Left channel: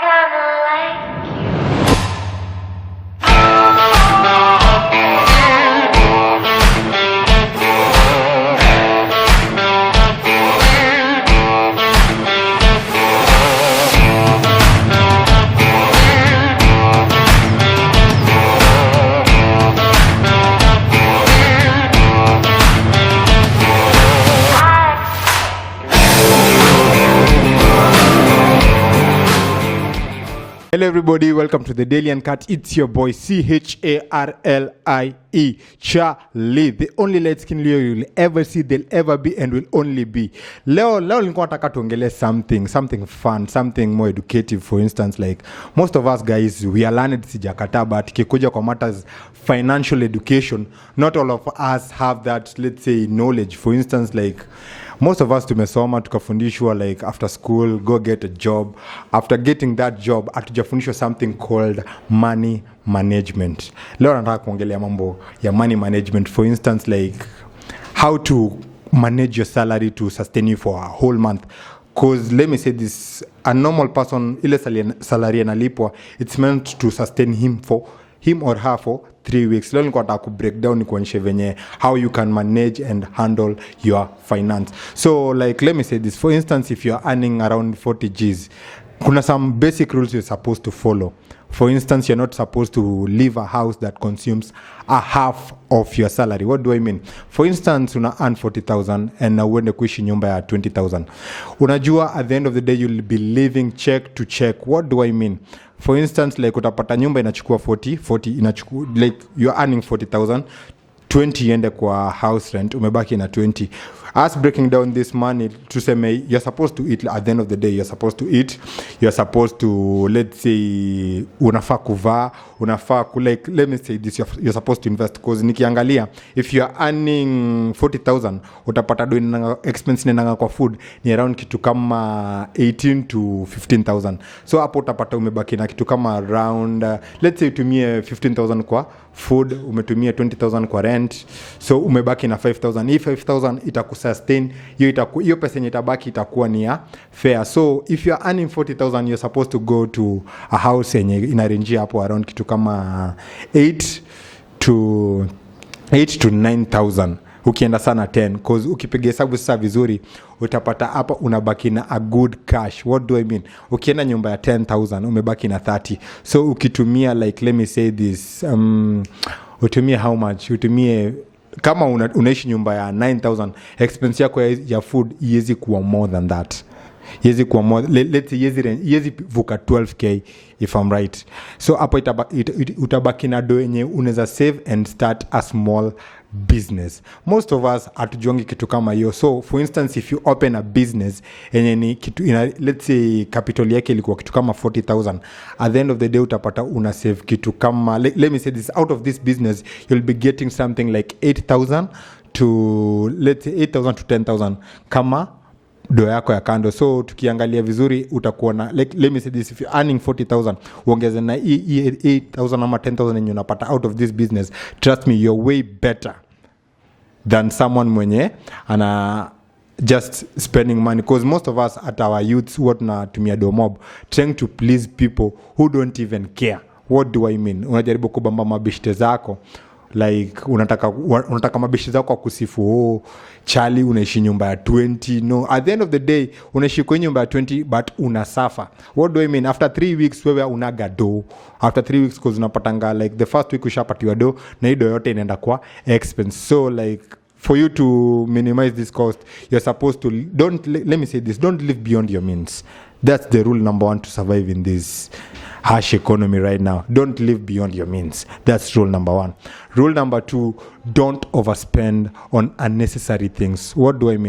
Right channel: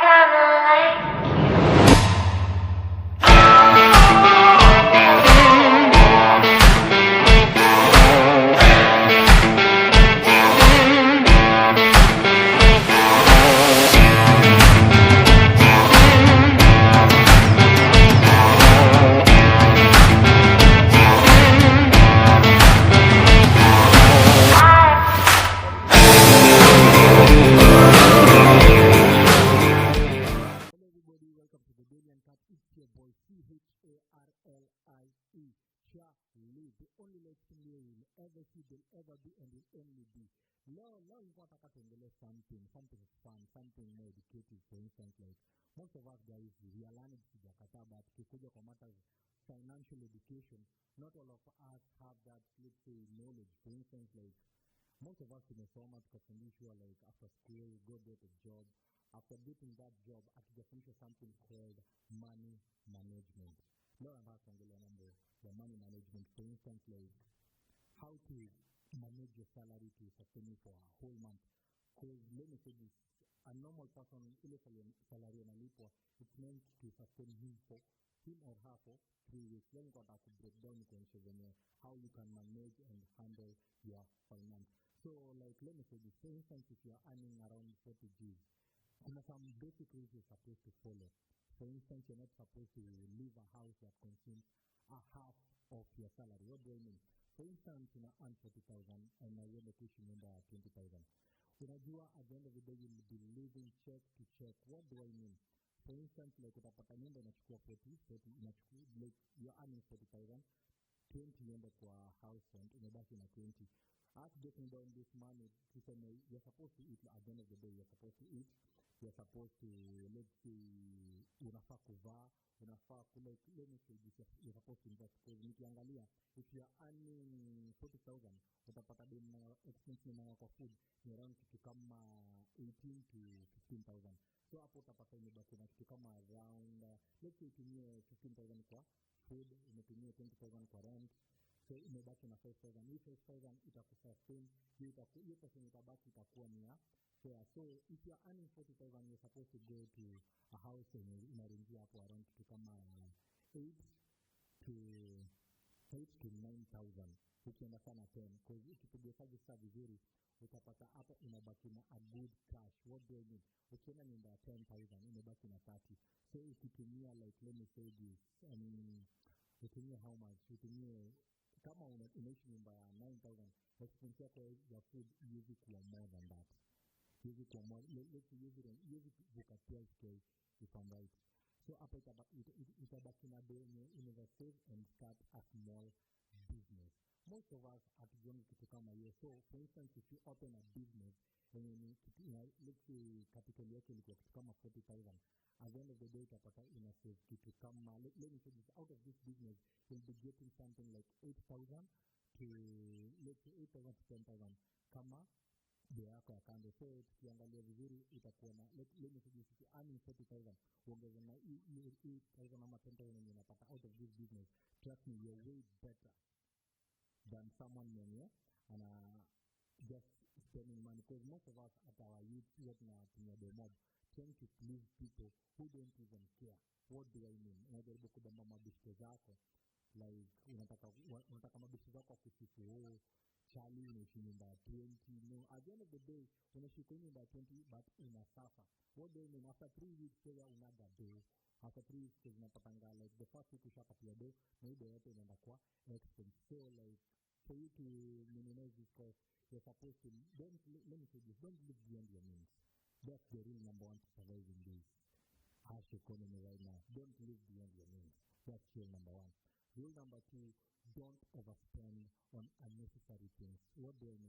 kinda like you. Hello everybody, welcome to the Daily Uncut. It's your boy Charlie, Charlie, the only light skin Leo you'll ever see, there'll ever be and will only be. Leo nilikuwa nataka tuongelee something fun, something more educative. For instance, like most of us guys, we are learned sijakata, but kikuja kwa matters financial education, not all of us have that, let's say, knowledge. For instance, like most of us tumesoma tukafundishwa like after school go get a job. After getting that job hatujafundishwa something called money management. Leo nataka kuongelea mambo ya money management. For instance, like how to manage your salary to sustain you for a whole month. Because let me say this, a normal person, ile salary analipwa, it's meant to sustain him or her for 3 weeks. Leo nilikuwa nataka break down nikuonyeshe venye how you can manage and handle your finance. So like let me say this, for instance, if you're earning around 40 Gs, kuna some basic rules you're supposed to follow. For instance, you're not supposed to leave a house that consumes a half of your salary. What do I mean? For instance, una earn 40,000 and uende kuishi nyumba ya 20,000. Unajua at the end of the day you'll be living check to check. What do I mean? For instance, like utapata nyumba inachukua 40 inachukua, like you're earning 40,000, 20 iende kwa house rent, umebaki na 20. Us breaking down this money, tuseme you're supposed to eat at the end of the day, you're supposed to eat, you're supposed to, let's say, unafaa kuvaa, unafaa like, let me say this, you're supposed to invest. Because nikiangalia, if you're earning 40,000, utapata do expense nenanga kwa food ni around kitu kama 18 to 15,000. So hapo utapata umebaki na kitu kama around, let's say utumie 15,000 kwa food, umetumia 20,000 kwa rent, so umebaki na 5,000. Hii 5,000 itakusustain, hiyo pesa yenye itabaki itakuwa ni ya fair. So if you are earning 40,000, you're supposed to go to a house yenye inarenjia hapo around kitu kama 8 to 9,000. Ukienda sana 10, because ukipiga hesabu sasa vizuri utapata hapa unabaki na a good cash. What do I mean? Ukienda nyumba ya 10,000 umebaki na 30. So ukitumia like let me say this, utumie how much? Utumie kama unaishi nyumba ya 9,000, expense yako ya food iwezi kuwa more than that. Yezi kuwa more, let's say yezi vuka 12k if I'm right. So hapo utabaki na do yenye unaweza save and start a small business. Most of us hatujongi kitu kama hiyo. So for instance, if you open a business yenye ni kitu let's say capital yake ilikuwa kitu kama 40,000, at the end of the day utapata una save kitu kama, let me say this, out of this business you'll be getting something like 8,000 to, let's say 8,000 to 10,000 kama do yako ya kando. So tukiangalia vizuri utakuwa na, like let me say this, if you're earning 40,000 uongeze na 8,000 ama 10,000 yenye unapata out of this business, trust me, you're way better than someone mwenye ana just spending money. Because most of us at our youths huwa tunatumia domob trying to please people who don't even care. What do I mean? Unajaribu kubamba mabishte zako, like unataka mabishi zako kusifu, Charlie unaishi nyumba ya 20. No, at the end of the day unaishi kwenye nyumba ya 20 but unasuffer. What do I mean? After 3 weeks wewe unaga do. After 3 weeks cause unapatanga like the first week ushapatiwa do na hiyo yote inaenda kwa expense. So like for you to minimize this cost, you're supposed to let me say this, don't live beyond your means. That's the rule number 1 to survive in this harsh economy right now. Don't live beyond your means. That's rule number 1. Rule number 2, don't overspend on unnecessary things. What do I mean?